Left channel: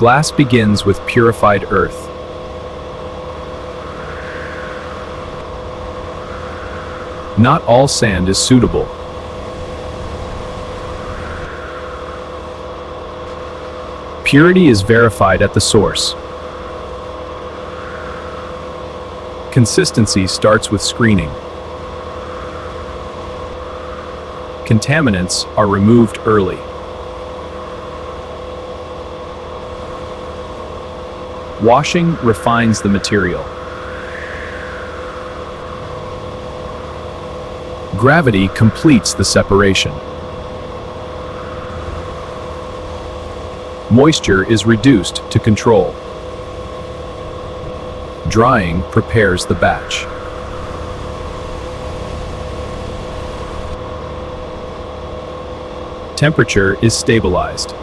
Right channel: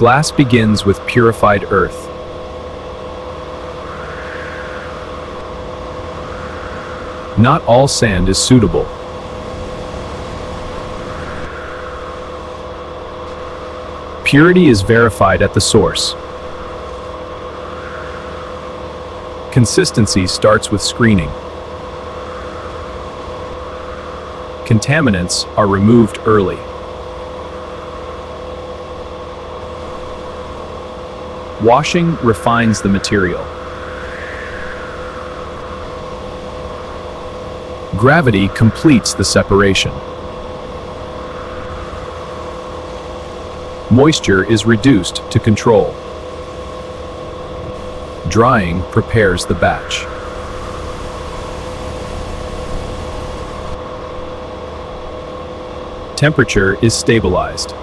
Glass begins with purified earth. Not all sand is suitable. Purity is verified at the source. Consistency starts with screening. Contaminants are removed early. Washing refines the material. Gravity completes the separation. Moisture is reduced to control. Drying prepares the batch. Temperature is stabilized.